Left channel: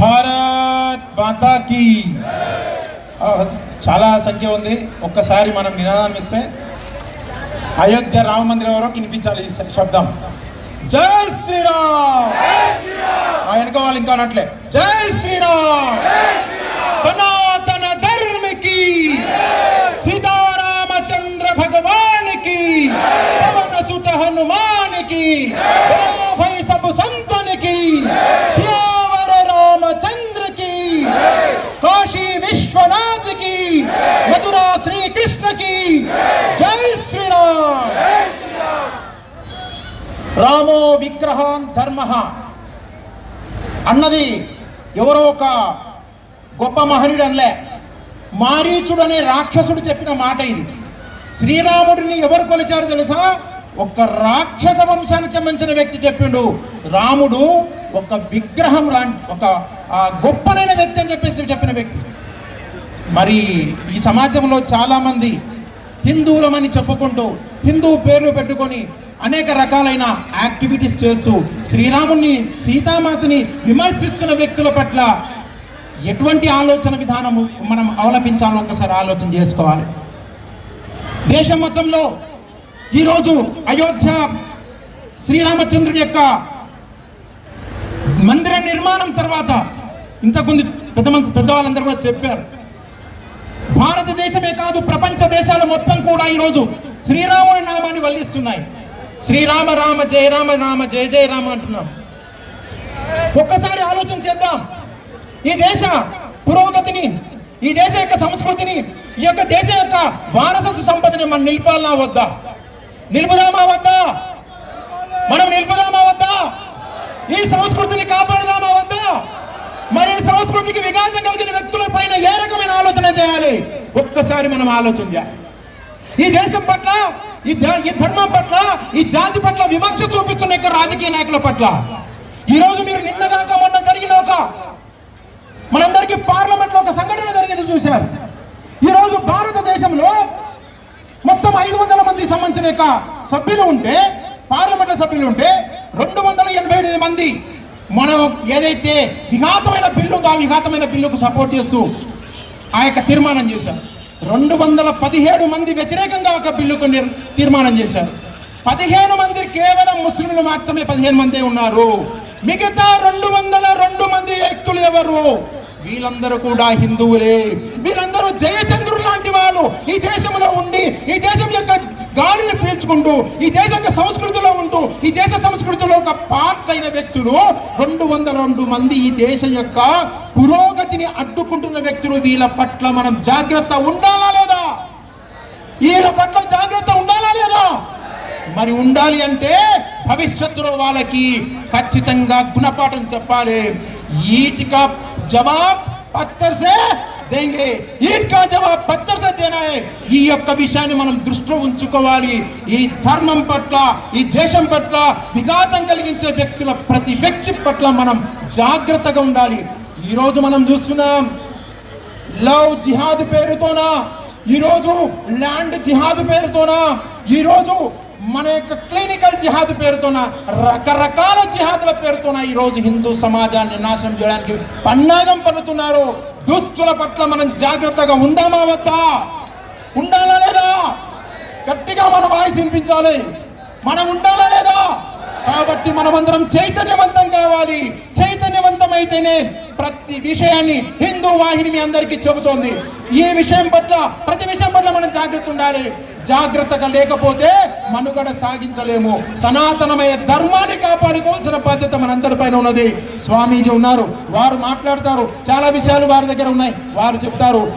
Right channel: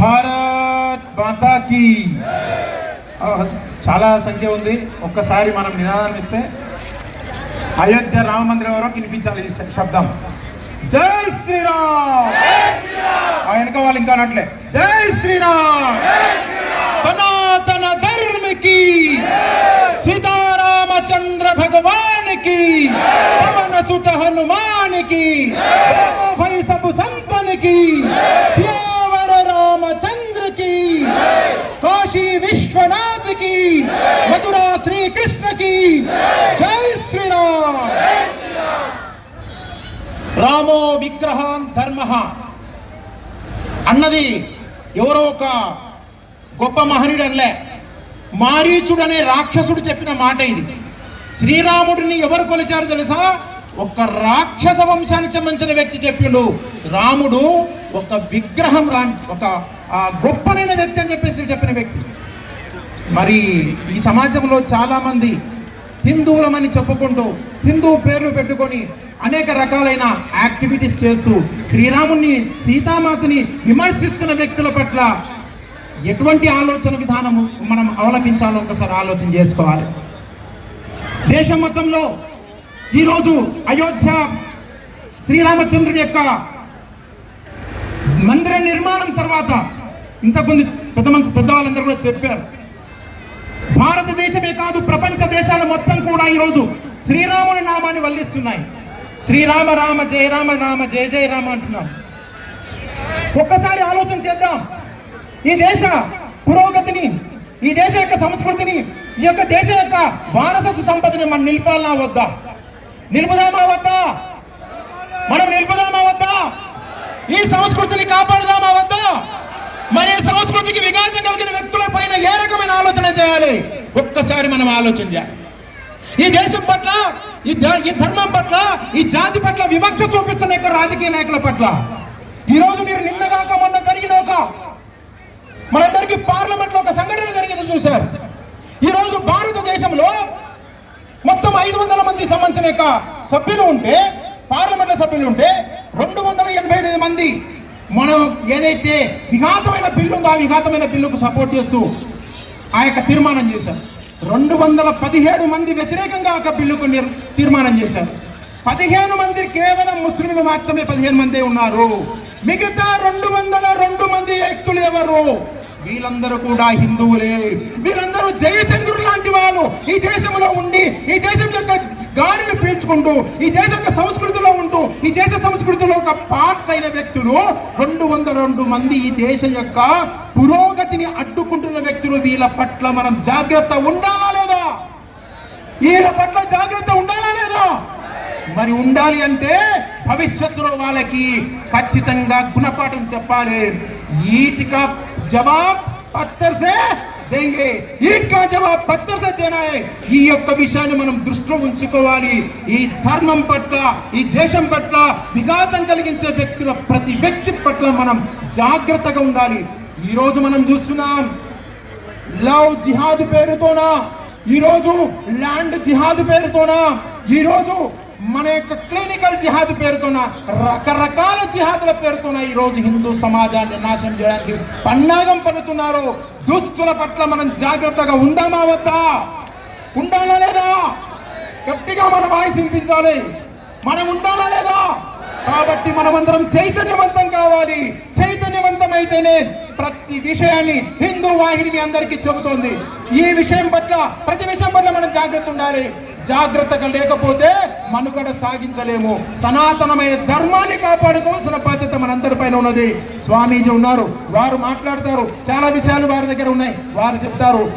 భారత్ మాతాకి చాలా సంఖ్య ఉంది. ఒక్కసారి మనం నినాదం ఇస్తే అయోధ్య రామ మందిరం వరకు వినిపించాలి ఈ శబ్దం. జై శ్రీరామ్! ఆ వెనక వాళ్ళు ఇంకా అనట్లే. జై శ్రీరామ్! సనాతన ధర్మికి! సీతారామచంద్ర భగవానికి! సుత హనుమానికి! రామో విగ్రహం ధర్మ. అన్నది ఎవరో ఒక గొప్ప మహనుడు అనలే మారీచుడు అనే రాక్షసుడు చెప్పిన మాట ఇది. శ్రీరాముడిని ఎవరు కొలిచారు తెలుసా? ఒక రాక్షస వంశానికి సంబంధించిన వ్యక్తి చెప్పిండు. రాముడు ఒక విగ్రహం లాంటి ఒక గొప్పనైన వ్యక్తి అని చెప్పేసి చెప్పిన వ్యక్తి. మరి ఈ సమాజంలో చాలామంది హిందువులమని చెప్పుకుంటూ హిందూ పేర్లు పెట్టుకొని అనేక రకాలైన యాక్టివిటీస్ చేస్తూ శ్రీరాముని సీతామాతని విమర్శిస్తున్న వ్యక్తుల పట్ల ఎటువంటి ఆలోచన విధానము మనం అవలంబించాలో ఒకసారి ఆలోచన చేసుకోవాలి. దేశం మొత్తంలో ఈరోజు అయోధ్య శ్రీరామచంద్రుడి యొక్క మందిర నిర్మాణం తర్వాత ఇంతకుముందు పెద్ద మంది పెద్దవాళ్ళందరూ కూడా చెప్పారు. భారతదేశమే కాదు ప్రపంచ దేశాల మొత్తం కూడా ఈరోజు శ్రీరాముని నామాన్ని వల్లిస్తున్నాయి. శ్రీరామ రామ జయ రామ రామ జయ జయ రామ అంటున్నాడు ఒక్కసారి ఆలోచన చేద్దాం. ఈ దేశ పురోగతిని ఈ దేశ యొక్క సంస్కృతిని ఈ యొక్క దేశం యొక్క వారసత్వ సంపదని మనం నిలిపాలా వద్దా? నిలుపుదామా వద్దా? మనం నిలుపుదామా వద్దా? ఈ సంస్కృతిని కాపాడదామా వద్దా? మరి సంస్కృతికి విఘాతం కలిగిన వ్యక్తుల పైన ఏ రకమైన ఆలోచన చేయాలి? ఒక్కసారి మనం ఆలోచన చేయాలి. ఈ దేశం పట్ల ఈ ఈ ధర్మం పట్ల ఈ జాతి పట్ల వివక్ష చూపించిన యొక్క రాజకీయ నాయకుల పట్ల. ఈరోజు మీరు నిన్నగాక మొన్న జరిగిన ఒక మనందరికీ పార్లమెంట్లో ఒక సంఘటన జరిగింది చూశారు. ఈరోజు భారతదేశంలో మొత్తం ఐదు వందల మంది సంబంధించిన యొక్క సభ్యులు ఉంటే పార్లమెంట్ సభ్యులు ఉంటే రెండు వందల ఎనభై ఎనిమిది మంది మనం ఏదైతే విఘాతమైన బిల్లు ఉందో ఆ విఘాతమైన బిల్లుకు సపోర్ట్ చేస్తూ ఆ యొక్క తీర్మానం చేశారు. రెండు వందల పదిహేడు మంది వ్యతిరేకంగా ఒక బిల్లుకు తీర్మానం చేశారు. పదిహేను మంది కేవలం ముస్లింలు మాత్రమే పదిహేను మంది ఉన్నారు. మిగతా రెండు వందల రెండు మంది వ్యక్తులు ఎవరు? వీళ్ళందరూ కూడా హిందువులే. వీళ్ళందరూ జయచంద్రుడు లాంటి వాళ్ళు. ఈ దేశంలో ఉండి ఈ దేశం యొక్క గాలిని పీల్చుకుంటూ ఈ దేశ యొక్క సంస్కృతిలో ఉంటూ ఈ దేశ సంస్కృతి ఒక పార్ట్ అయిన వ్యక్తులు రెండు వందల రెండు మంది ఈ దేశ యొక్క పురోగతిని అడ్డుకుంటున్న వ్యక్తులు వీళ్ళ పట్ల మనం జాగ్రత్త ఉండాలా లేదా? వీళ్ళ పట్ల జాగ్రత్త ఉండాలా లేదా? మరి ఉండాలి అంటే భవిష్యత్తులో వాళ్ళకి ఖచ్చితంగా గుణపాఠం చెప్పాలి. ఈటిక జవాబ్ పత్తర్సే దేంగే ఈట్ కా జవాబ్ పత్తర్ ఈ యొక్క విషయాన్ని మనం దృష్టిలో ఉంచుకోవాలి. ఈ ధర్మం పట్ల ఈ దేశం పట్ల విఘాతం కలిగించే వ్యక్తుల ప్రతి వ్యక్తి పట్ల మనం జాగ్రత్తగా ఉండాలి. ఈరోజు మనం చూస్తున్నాం లవ్ జిహాద్ పేరుతోనా? ఈరోజు ల్యాండ్ జిహాద్ పేరుతోనా? ఈరోజు మన యొక్క క్లినికల్ జిహాద్ పేరుతోన రకరకాల జిహాద్ల పేరుతోన ఈరోజు హిందూ సమాజాన్ని నాశనం చేయడానికి పన్నాగం పన్నుతున్నారు. దుస్తుల పట్ల మనం జాగ్రత్తగా ఉందామా వద్దా? ఉండాలా లేదా? గట్టిగా మన వాయిస్ వినిపించాలి. మనం ఉండాలా లేదా? కాబట్టి మనమందరం చైతన్యవంతం కావాలి. చైతన్యవంతమైతేనే ప్రతి విషయాన్ని హిందూ వాహిని మీ అందరికీ చెబుతోంది. ఈ విషయం పట్ల ప్రతి విషయం పట్ల మనం జాగ్రత్త ఉండాలి. జాగ్రత్తగా లేకపోతే మనుగడ సాగించలేము. సనాతనమైన ధర్మాన్ని కాపాడుకోవాల్సిన బాధ్యత మనందరిపైన ఉన్నది. స్వామీజీ ఉన్నారు. వారు మాట్లాడతారు. చాలా విషయాలు వారి దగ్గర ఉన్నాయి. వారు చెప్తారు.